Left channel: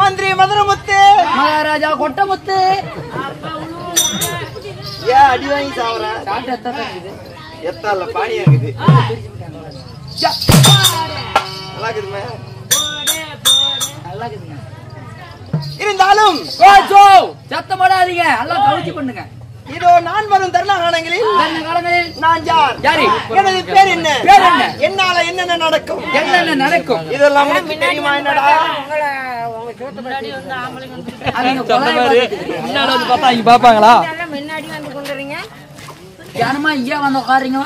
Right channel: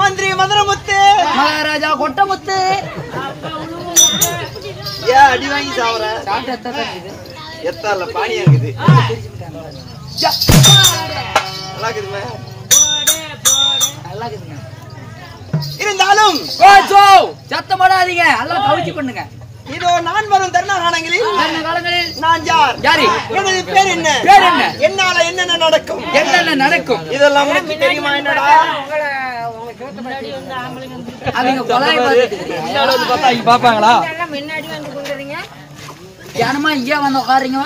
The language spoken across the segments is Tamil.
மந்திரி மதுரமுத்து, மகாராஜா கொட்டமுத்து. ஏன் அடி வாங்கி சாவுற? எத்தால பானியா இருக்குது. நல்லா இருக்குதுமே. இருந்தாலும் சத்தம் போடாதீங்க, எல்லாம் கவிச்சு பண்ணுங்க. இதோ நான் வரும் தருண காலங்களில் நான் யார், எனது பேர் என்ன, என்னால என்னென்ன நடக்கும், என்னென்ன நடக்கும் இதெல்லாம் உனக்கு தெரியுமா? என்னடா அவங்க பாப்பாங்களா? ஜனமா இங்கே வந்து உட்காருங்க.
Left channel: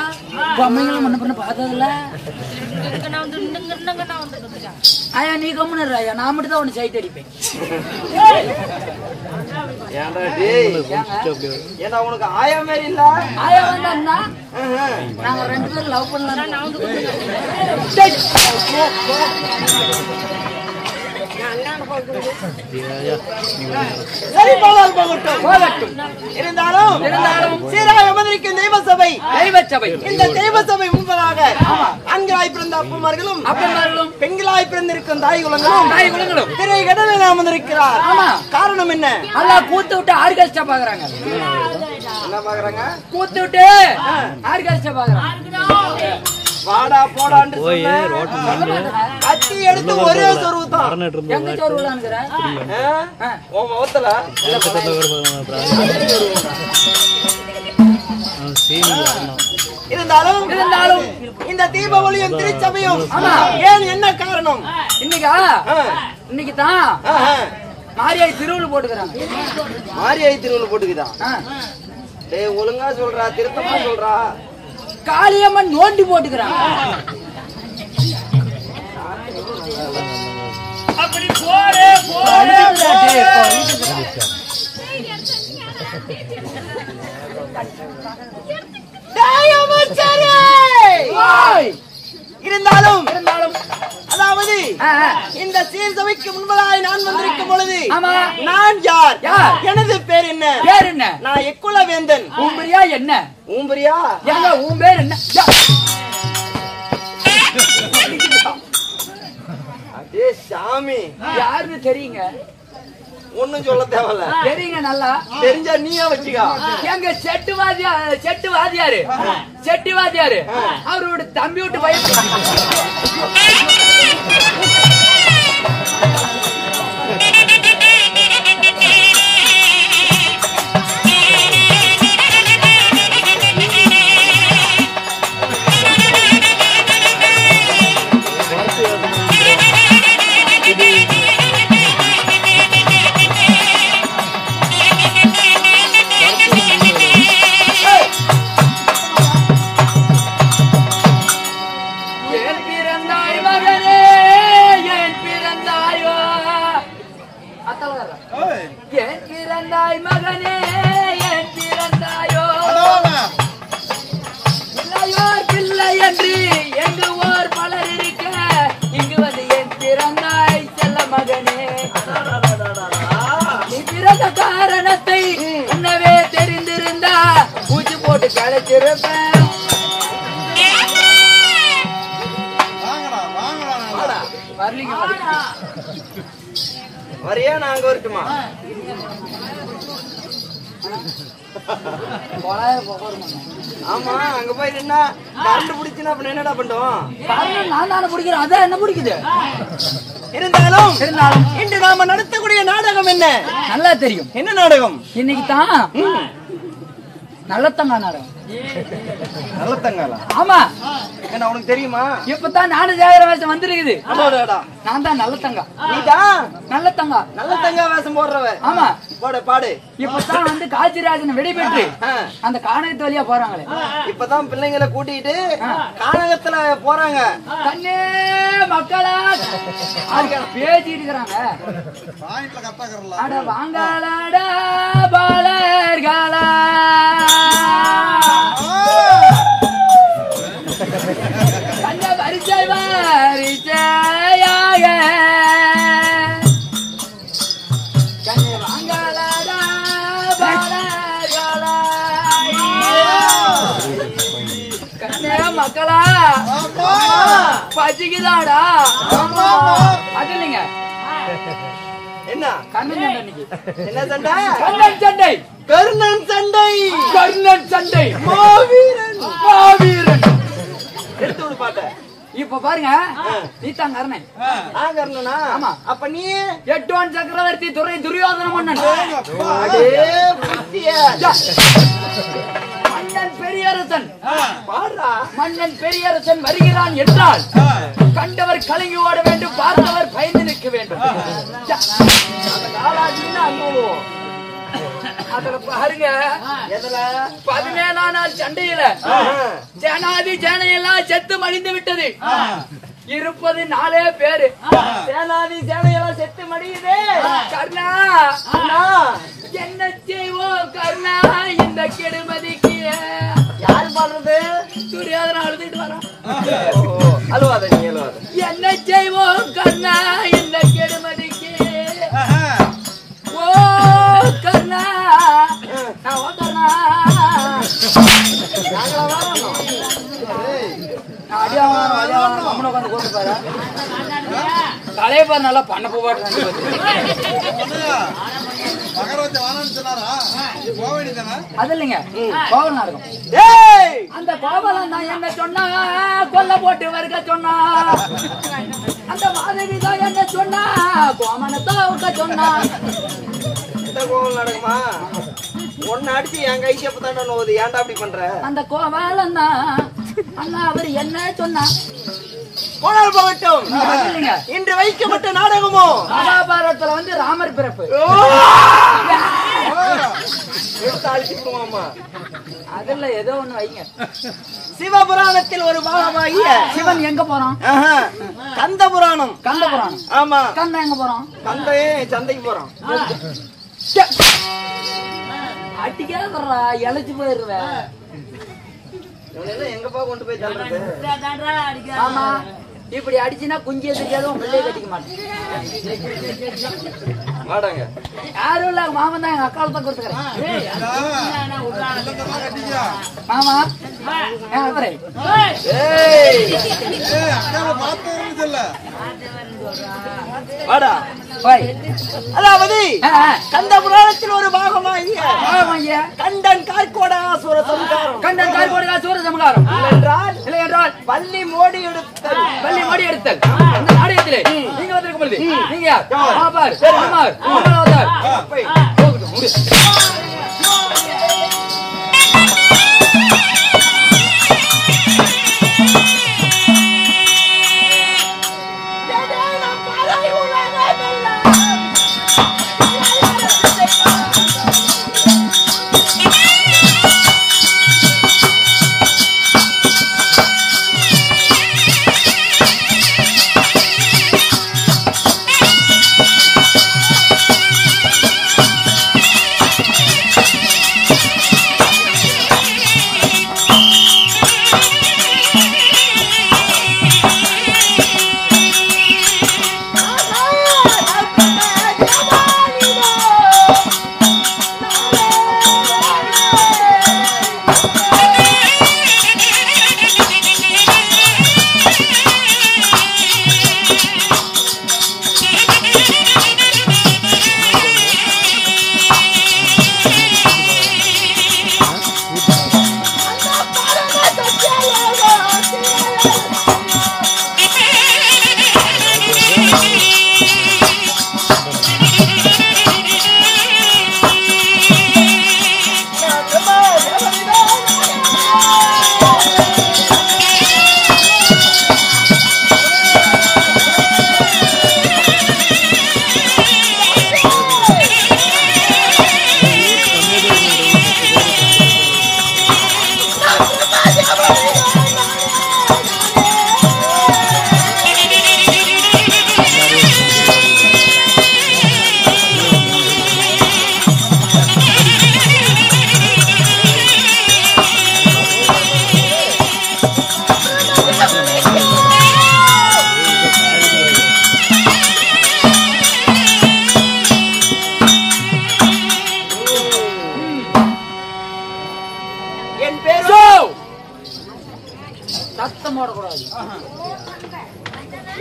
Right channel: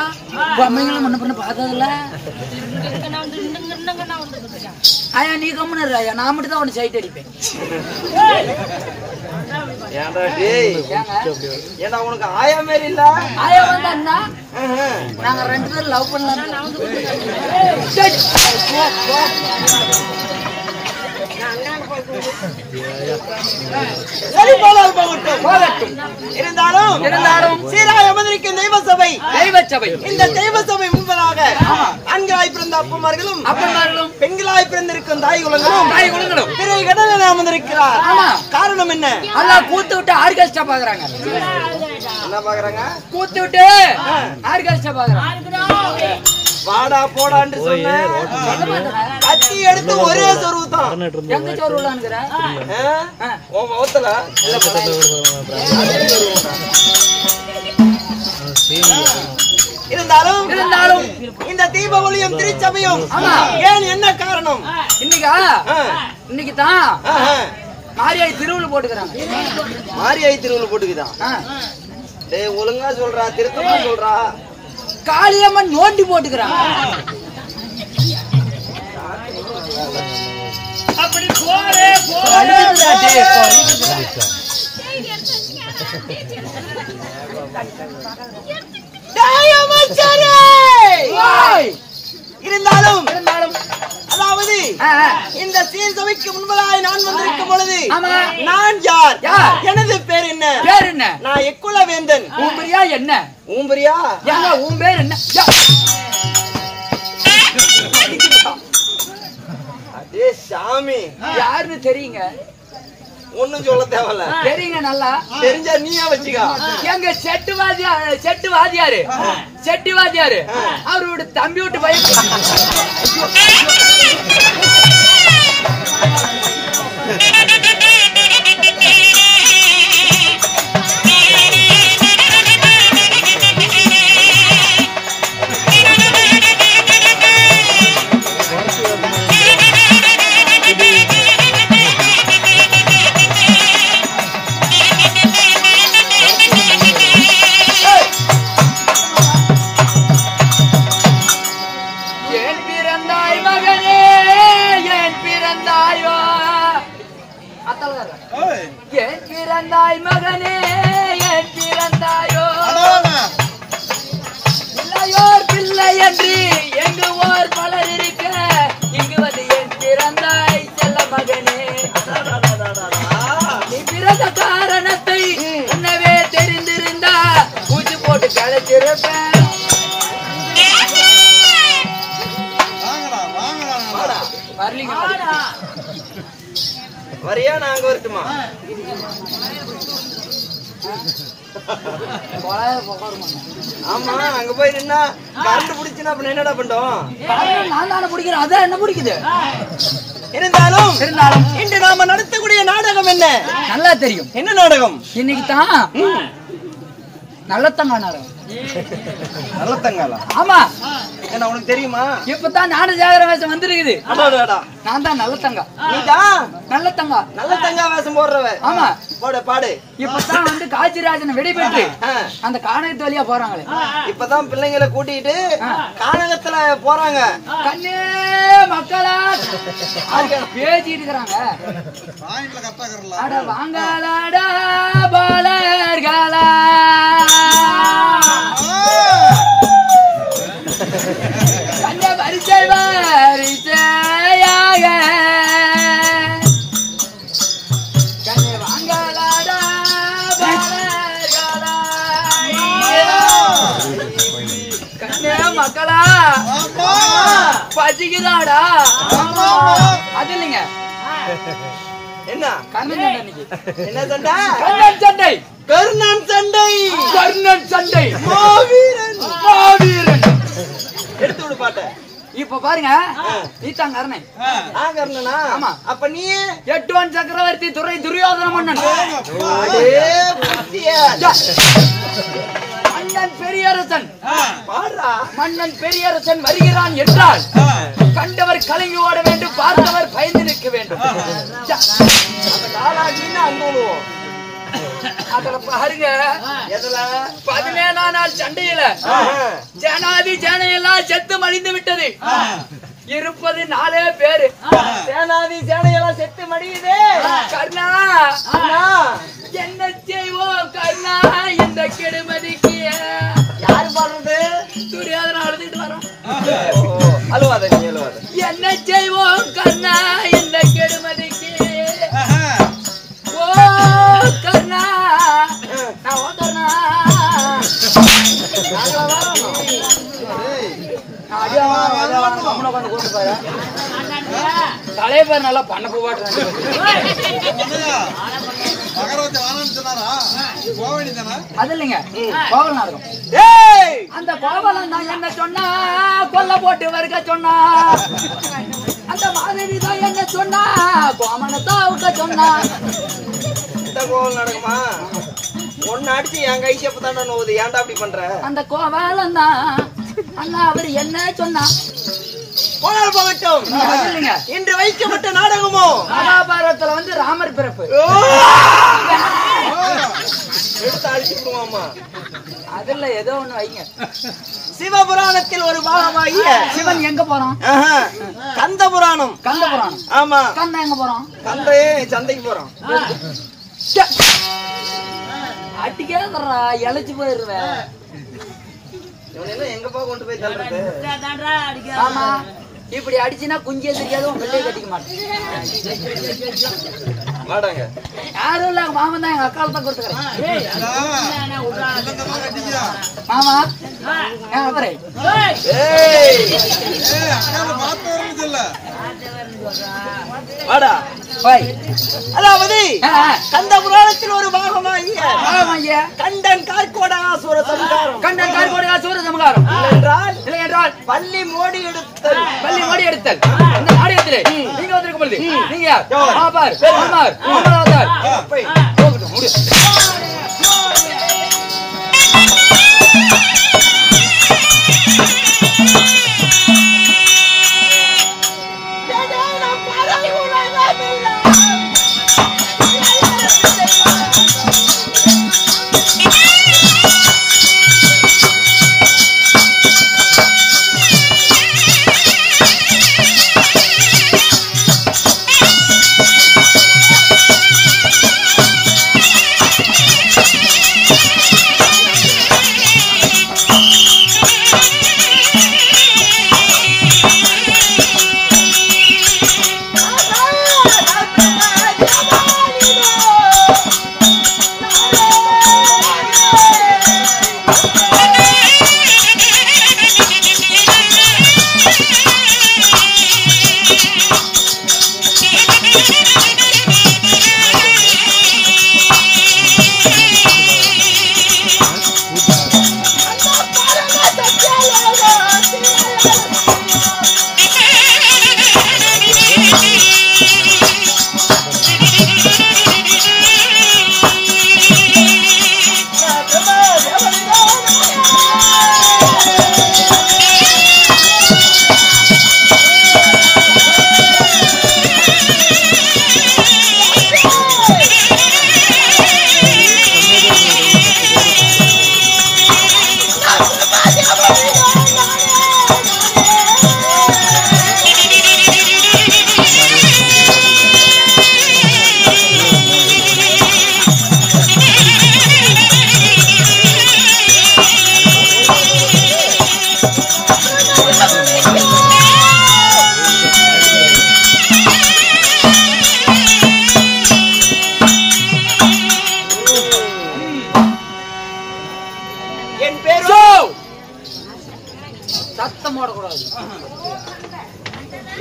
பொம்மைங்களும் முன்ன பண்ண பார்த்ததில்ல. ஐயா நீ கம்முன்னு ஐயா, நான் மட்டும் தான் ஒன்று சைட் அடிப்பேன். ஏன்னா உனக்கு ஆயா மாரி இல்ல. ஆயா வந்து அண்ணா நாங்க 2 பேரும் லவ் பண்ணலாம். சரி போகட்டும். இருந்தாலும் சீராக அமர்ந்திருக்கும் தெய்வ சபை, இந்த தெய்வ சபை முன்பதாக ஆண்களாய் பிறந்த அப்பமார்களும் பெண்களாய் பிறந்திருக்கும் தாய் குலங்களும் திரை கடலில் அமர்ந்திருக்கிறார். காரணம் என்ன? எல்லாம் கூத்து விட்டு ஆர்கெஸ்ட்ரா பாக்குறாங்க. என்ன பாக்குறாங்க? கூத்து விட்டு ஆர்கெஸ்ட்ரா பாக்குறாங்க. வாடா போடான்னு சொன்ன கத்தி எடுத்து ஒரே சொருவு தான். எங்க சொருவுலான்ங்கற ஓ முகத்துல இருந்தாலும் இந்த தீப ஒளியும் திருச்சபையும் ஏன் என்ன காரணம்? இன்னைக்கு தான் மாரியாய் திருவுள போட்டுக்கறாங்க. மாரியாய் திருவுள போட்டுக்குதா? டேய் ஒழுங்கா சொல்றா, திருத்தமா சொல்றா. காளியம்மன் நோண்டி போட்டுக்கிறாங்க. அப்படி போரே இருந்தாலும் அதாவது இந்த சீர்சபைக்கு முன்பதாய் நான் வந்திருக்கும் பொழுது நான் யார், எனது பேர் என்ன, நான் எக்குல வேந்தன். ஊம்பரியா என்ன? ஊம்பரியா எங்க உன் பேர் என்ன? அதே சாமி யாருன்னு தெரியுங்க? ஒண்ணும் சொல்ல தேவையில்ல. தெரியுங்க, நல்லா தெரிஞ்சா நீயா வச்சுக்கா. எங்க செட்டு வாத்தியாரு அவரோட தம்பி விட்டு பைக் மகனே என் பிறந்தாயோ இல்லையோர் பிள்ளை என்று எங்கு ஓர் பலர் இருக்க இங்கு வந்து என் பிறந்தாய் செல்ல மகனே. நீ பிறந்த காரணத்தை உன்னவே தெரிந்திருந்தா பூச்சி போட்டு கலைச்சிருப்பேன். வரியா? நாங்க வரட்டுமா? ஆமா, அங்க போய் நின்னா கரண்ட் பிடிச்சுன்னா அப்ப என்னடா பண்ணோம்? நான் தானே பிடிக்கிறேன், அதான் என்ன பிடிக்குது. இருந்தாலும் இன்று நாம நடத்தக்கூடிய நாடகம் என்ன நல்லா தெரியும். என்ன நாடகம்? இன்னைக்கு தான் நல்லத்தங்கா நாடகம். நல்லத்தங்காலா? ஆமா. என்ன உனக்கு தெரியுமா? இப்பதான் நாடு ஜாகர வேஷம் வந்துருக்குது. நான் தான் நல்லத்தங்கா. நீதான் நல்லத்தங்கா? நல்லத்தங்கா வேஷம் போடுறவ? ஆமா. பாடு. இப்பதான் வந்து காஞ்சிராஜனை வெடிபெற்று அந்த கானகத்து வழியா போறாங்களே. இப்பதான் பிள்ளைங்களை கூட்டிட்டு கானகத்துல போறாங்க. கண்ணே மக்களா பேசிட்டு இருக்கிறாங்க. வாங்கடா பாலர்களா கண்ட வரிசையாக கண்ணே வாங்கடா பாலர்களா கண்ணே மக்களா பசிக்குதாடா? அது இல்லைங்க, என்ன என்ன சண்டை? கர்ணன் சண்டை. கர்ணன் சண்டை. கர்ணன் சண்டை. மாவீரன். மாவீரன். எடுத்து விடு பாட்ட. இப்ப பாருங்க, நீ தான் கர்ணன். கர்ணனா? ஆமா. அப்ப நீ எட்டுவன் சக்கரவர்த்தி துறை துரியோதன மன்னன். மன்னன் பெரியரசன். பாடுறா. மன்னன் பெரியரசன் வருகிறான் என்றால் கண்டவர் கலங்கி ஓட வேண்டும், பார்த்தவர் பயந்து நிற்க வேண்டும். அதுல பாருங்க, 17ஆம் நாள் சண்டையில ஜனாதி ஜனையெல்லாம் செத்து மடிந்து விட்டது. இருப்பது 4 பேரு. சேனாதி சேனையெல்லாம் செத்து மடியுதே. கர்ணா, என்ன செய்வோம் கர்ணா இந்த கெடுமதிக்கு? யாரு பாடுறது? துரியோதன அழுதுட்டு வரோம். அழுவாத, நீ அழுவாத. என்ன செய்வோம் கர்ணா இந்த கெடுமதிக்கு? ஓ கர்ணா, நான் கர்ணா, நாங்களா வரணும். கலைவர் நல்லா பண்ண போவாட்டு அது இல்லைங்க, கோவல் நாடகம். அந்த கோவலம் தான் என்ன சொன்னா, கொல்ல போட்டு வருக சொன்னா. அந்த மாதவி தான் என்ன சொன்னா, கோமனத்தான் விட்ட சொன்னா. இந்த கோவல் நடக்குமா? ஒன்னு அடிச்சு என் கை செப்பதாண்டா நோவுது. ஏன்டா அப்படி பண்ற? அந்த கோவலம் தான் அண்ணா அவர் என்ன சொன்னா. போனால் போகட்டும். இன்று வைக்கப்பட்ட நாடகமோ மகாபாரதத்துல வந்து ராமர் பிறப்பு. எடுத்து அழிச்சுக்குமாமா. அதுல ஏதோ ஒண்ணு வைங்க. சிவபுராணத்தில் ஒரு பாகமாகிய சிவன் எங்க போறோம்? கந்த புராணம். கந்த புராணம். ஆமா. கந்த எங்க போறோம்? கந்தையே சந்தைக்கு போறோம். அட்டிக்கே தர்றா, இழைச்சு போயிருவேன். இவனெல்லாம் எங்கப்பா கொண்டு போய் தள்ளுறது? ஆமா, இப்படி அடிச்சுனா குஞ்சிய தெரியாத பிள்ளை கட்டிக்க மாட்டேன். வாடாங்க. யாரும் இல்ல, மாமன் தான் எங்க அக்கால தான் கொடுத்துக்கிறேன். மாமா வாடா. அதாவது கந்த புராணத்தில் ஒரு பாகமாகிய கண்டன் கார்கோடாசுர சம்ஹாரம். கண்டன் கார்கோடாசுர சம்ஹாரம் இல்லை என்றால் பள்ளி மோடி எடுத்தல். பள்ளி மோடி எடுத்தல். இந்த நாடகத்திலே நீங்க வந்திருக்கும் பொழுது நீங்க யார்? பாபார் ராமர் ராமராவதார் போகுது முடி.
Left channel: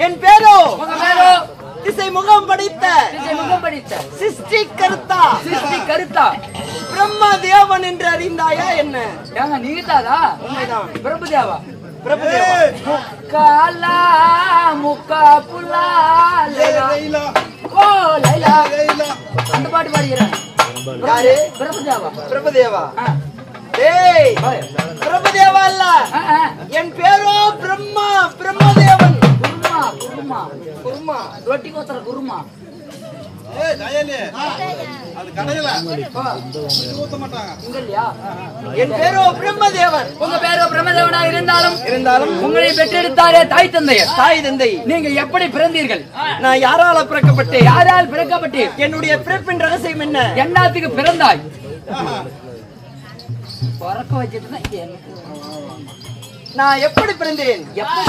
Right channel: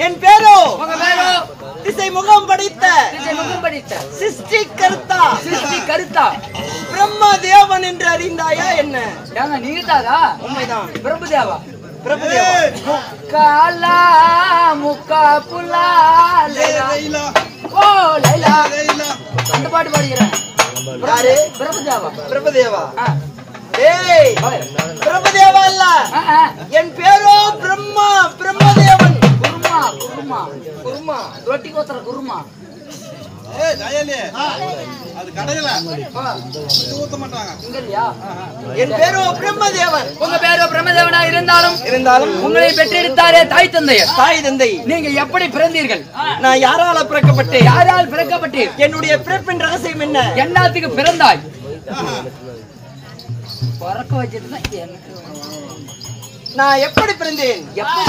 என் பேரோ திசை முகம் படைத்த சிருஷ்டி கருத்தா பிரம்ம தேவன் என்று அறிந்தாயா என்ன? நீதாதா? உண்மைதான். பிரபுதேவா காலா முக்கா புலா அந்த பாட்டு பாடுகிறேன். யாரு? பிரபுதேவா. டேய், பிரபுதேவா இல்ல, என் பேரோ பிரம்மா, பிரம்மதேவன். குருமா ரொட்டி கோத்தர குருமா. என் பேரோ பிரம்மதேவன். உங்க பேரோ பிரம்மதேவனா இருந்தாலும் உங்களை பெற்றெடுத்தாரே தாய் தந்தை. நீங்க எப்படி பிறந்தீர்கள்? நான் யாரால பிறக்கப்பட்டேன்? யாரால் பிறக்கப்பட்டேன்? என்னுடைய பிறப்பின் ரகசியம் என்ன? என்னத்துக்கு பிறந்தாய்? பிறக்க வச்சதுன்னா எனக்கு நான் எப்படி பிறந்தேன்? எப்படி?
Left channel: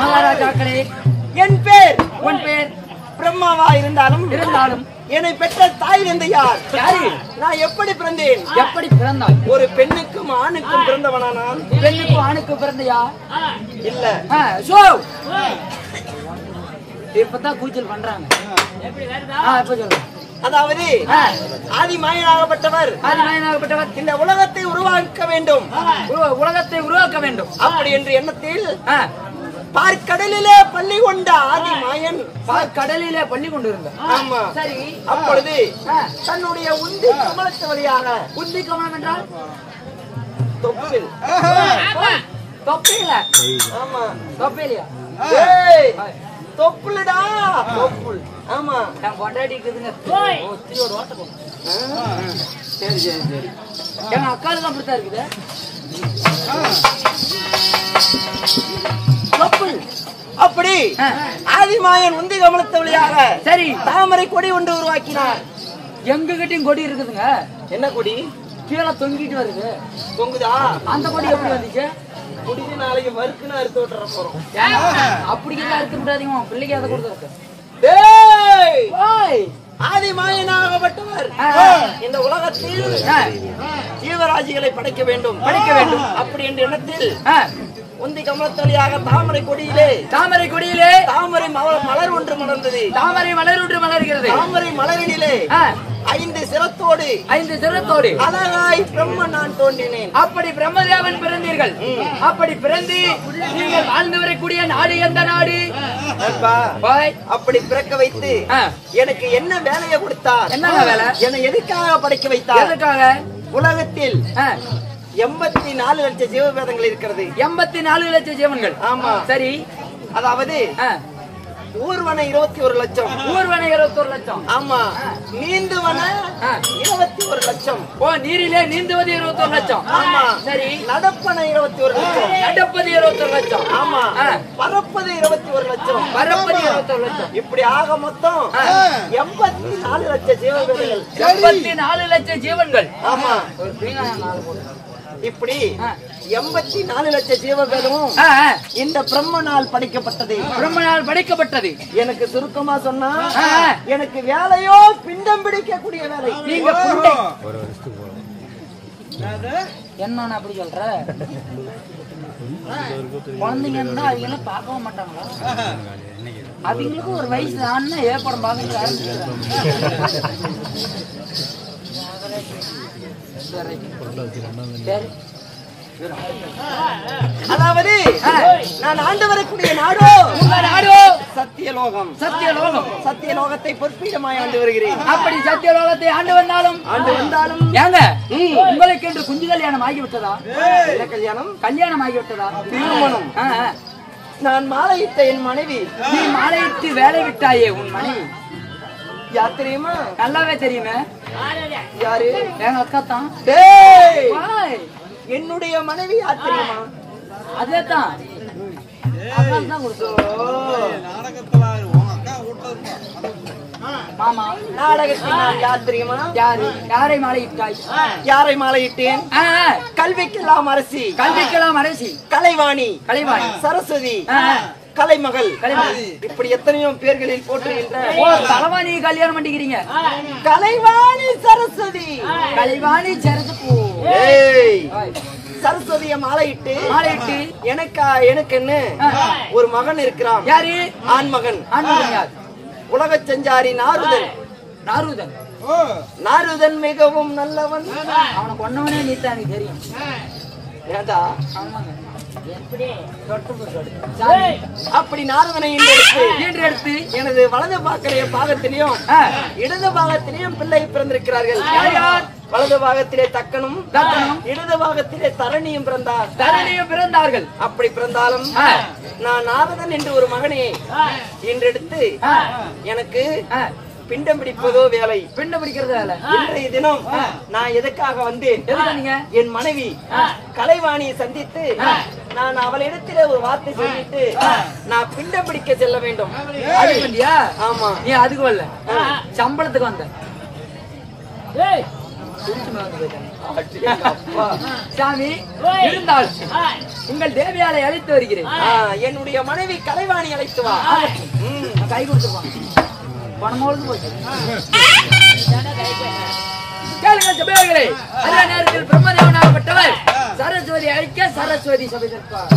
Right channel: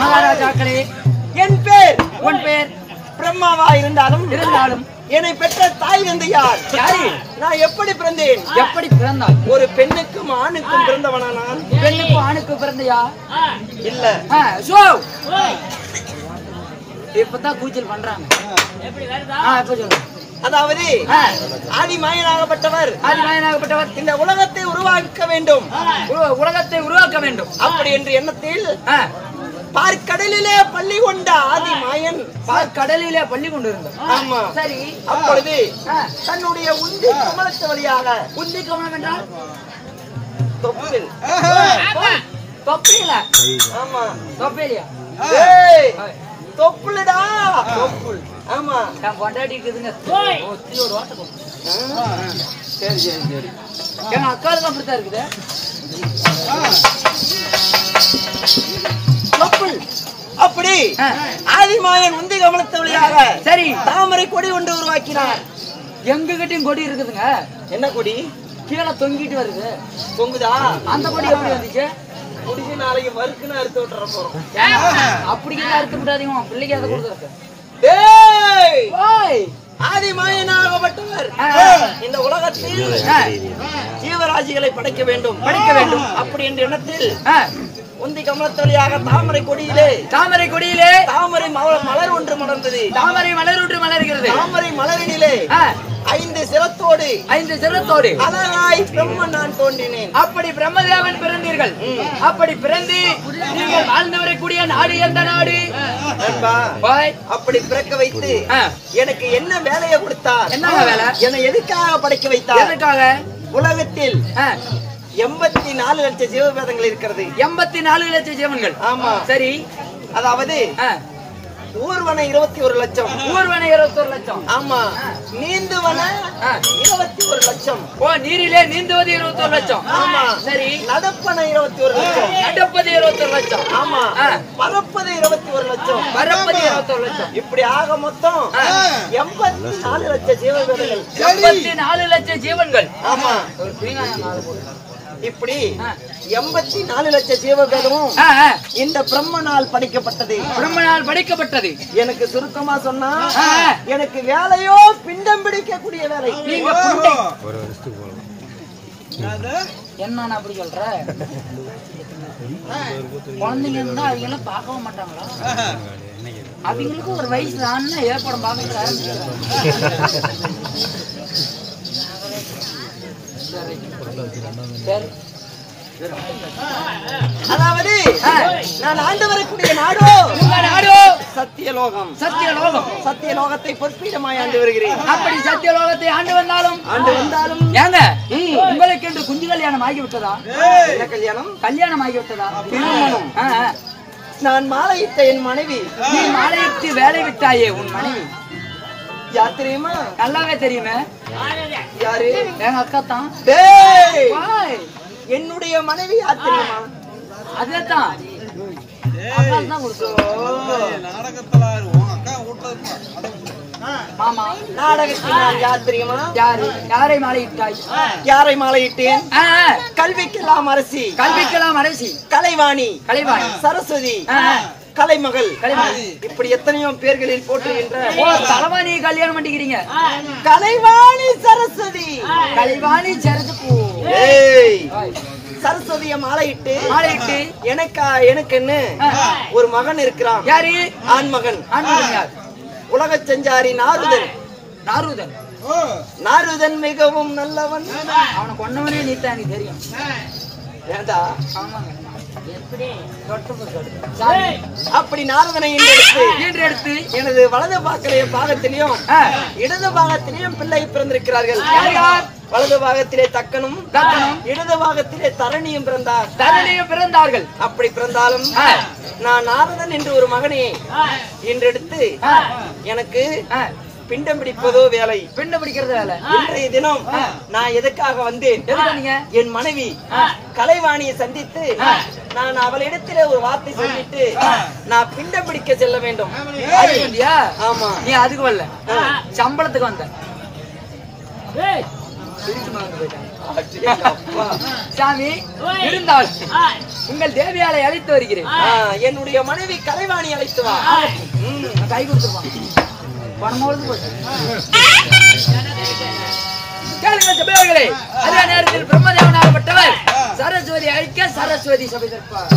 மகாராஜாக்களே, என் பேர் உன் பேர் பிரம்மாவா இருந்தாலும் என்னை பெற்ற தாய் தந்தை யார்? யாரு? நான் எப்படி பிறந்தேன்? எப்படி பிறந்தாய்? ஒரு பெண்ணுக்கும் ஆணுக்கும் பிறந்தவனா நான்? பெண்ணுக்கும் ஆணுக்கு பிறந்தையா? இல்ல. இப்பதான் கூச்சல் பண்றாங்க. இப்ப சொல்லுங்க. அதாவது ஆதிமாயனாகப்பட்டவர் இந்த உலகத்தை உருவாக்க வேண்டும், உலகத்தை உருவாக்க வேண்டும் அப்படி என்ற எண்ணத்தில் பார்க்கடலிலே பள்ளி கொண்ட ஆதிமாயன் பார்க்கடலிலே பள்ளி கொண்டிருந்தார். ஆமா, சரி. அப்பொழுது தன்னுடைய உந்தி கமலத்து வழியாக, உந்தி கமலம் என்றால் தொப்பில், தொப்பில, ஆமா தொப்பிலியா, தொப்புலடா, தொப்புள், ஆமா, நான் கொண்டாடி இருக்குதுங்க. ஒத்தியோட வாட்டை. சரி சரி சரி. எங்க அக்காளுக்கு அப்படித்தான் இருக்குது. தொப்புள். அப்படி ஆதிமாயன் உந்தி கமலத்து வழியாக சரி தாமரை கொடி ஒன்று உருவாக்கினார். எங்க கிட்டயும் கொடி இருக்குதுங்க. என்ன கொடி? கீழே தொங்கிட்டு வருது. தொங்குதா? அந்த கொடி எப்படி வந்துச்சு? குடிச்சு நாளைக்கு மறுக்குன்னு அறுத்து விட்டுற போறோம். அப்படி அறுத்து விடாதீங்க, பிள்ளைக்கு அதை கொடுத்துருக்கு. ஆதிமாயனாகப்பட்டவர் இந்த உலகத்தில் ஜீவராசிகளை படைக்க வேண்டும், அப்படி என்ற எண்ணத்தில் உந்தி கமலத்தொழியாக தாமரை கொடியிலே தாமரை மலர் ஒன்று மலர்ந்தது. தாமரை மலர் ஒன்று மலர்கிறது. தாமரை மலரினிலே 5 சிரத்தோடு அழகாய் பிரம்மன் நான் தோன்றினேன். அப்படி பிரம்மதேவன் பிறந்தீர்கள். அப்படி பிறந்து நீங்கள் வாழ்ந்து வரக்கூடிய நாடு எந்த நாடு? அப்படி பிறக்க வைத்து எனக்கு என்ன வேலையை கொடுத்தார்? என்ன வேலை? என்னை எதுக்காக படைக்க வைத்தார்? எதுக்காக? உலகத்தில் 84 லட்சம் ஜீவபேதங்கள் இருக்கிறது. 84 லட்சம் ஜீவன்கள். ஆமா, சரி. அதாவது ஊர்வன 21 லட்சம். ஊர்வன 21 லட்சம். ஆமா, நீந்துவன 21 லட்சம். நீரிலே நீந்துவது 21 லட்சம். ஆமா, சரி. நடப்பன 21 லட்சம். நடப்பது 21 லட்சம். ஆமா, பறப்பது 21 லட்சம். பறப்பது 21 லட்சம். இப்படி ஆக மொத்தம் 84 லட்சம் ஜீவன்கள். 84 லட்சம் ஜீவன்கள். ஆமா, இப்படி 84 லட்சம் ஜீவபேதமும் இந்த பிரம்மனால் படைக்கப்பட்டது. எனக்கு சுருக்கமா சொன்னா எனக்கு வேலையோ பிண்டம் பிடிக்கக்கூடிய வேலை. நீங்க என்ன அப்படி சொல்ற? குழந்தைங்க இருந்தா அவங்க எல்லாம் பார்க்கவும் மாட்டாங்களா? அவங்களுக்கு ஒரு வயசு ஆனா ஏற்படம் பார்க்க ஆரம்பிச்சிடுறாங்க. சரி. அதாவது நான் ஆண்டு வரக்கூடிய நாடோ சத்தியலோகம். சத்தியலோகத்தை பொற்பீடமாய் ஆண்டு வருகிறேன். அப்படி சத்தியலோகத்தை ஆண்டு வந்தாலும் ஏங்க உங்களுக்கு என்று குஞ்சு கல்யாணம் ஆகிவிட்டதா? என்ன கல்யாணம்? கல்யாணம் ஆகிவிட்டதா? திருமணம். நான் மாலையிட்ட என் மனைவி. நீ மாலையிட்டு வேலை விட்டாயே உன் மனைவி யார் தெரியுமா? நல்லாவே தெரியுமே. யாரு? எங்க அக்கா தான். என்னுடைய மனைவி யார் தெரியுமா? அதேதான். மாமா நாடகத்தில் யார் தெரியுமா? யாரை மாலையிட்டாய்? யாரை மாலையிட்டேன்? கல்விக்கெல்லாம் அரசி. கலைவாணி. சரஸ்வதி. கலைமகள். இப்படி எத்தனையோ பேர்களில் போற்றுகின்ற கலைவாணி கல்யாணம் பண்ணிக்கிறீங்க. கலைவாணி சரஸ்வதி. கலைவாணி சரஸ்வதிய மாலையிட்டு எனக்கு ஒரு மகன் இருக்கிறான். யாரு? ஆண் மகன். யார்? உலக சஞ்சாரி நாரதன் மிகவும் நல்லவன். அவனை கொண்டவனே நீத்தான் எனக்கு தெரியும். ஏண்டா? ஆமாங்க. அப்படி நாரதனை எடுத்து எனது வலது பாகத்திலையும் இடது பாகத்திலையும் பிள்ளை பிறந்திருக்கிறார்கள். வலது பாகத்திலே தக்கனும் இடது பாகத்திலே தரணியும் பிறந்தார்கள். அப்படி பிறந்தாலும் நான் நாரதன் என்று ஒரு மகனை இன்றெடுத்து எனக்கு பிண்டம் பிடிப்பதோ வேலை. பிண்டம் பிடிக்கிறது வேலை. இன்றைய தினம் நான் எதுக்காக வந்தேன்? என் மனைவி கலைவாணியை சந்தித்து நான் அவளிடத்திலே ஒரு வார்த்தை சொல்லிட்டு நான் பிண்டம் பிடிக்க செல்ல வேண்டும். ஆமா, நீ அதுக்கு வரல, சம்பளத்துக்கு வந்த. சாமி இருந்தால் உங்கள் தேவியாரை அழைத்து வருகிறேன். என்னுடைய மனைவி கலைவாணி அழைத்து வா. கை கொடுத்துருவாங்க. பணமோடு போச்சு. கேளுங்கள் சபையோர்களே, அதே நேரத்தில் பிரம்மதேவனாகப்பட்டவர் சரஸ்வதி அழைக்க சரஸ்வதி சபை தற்பார்.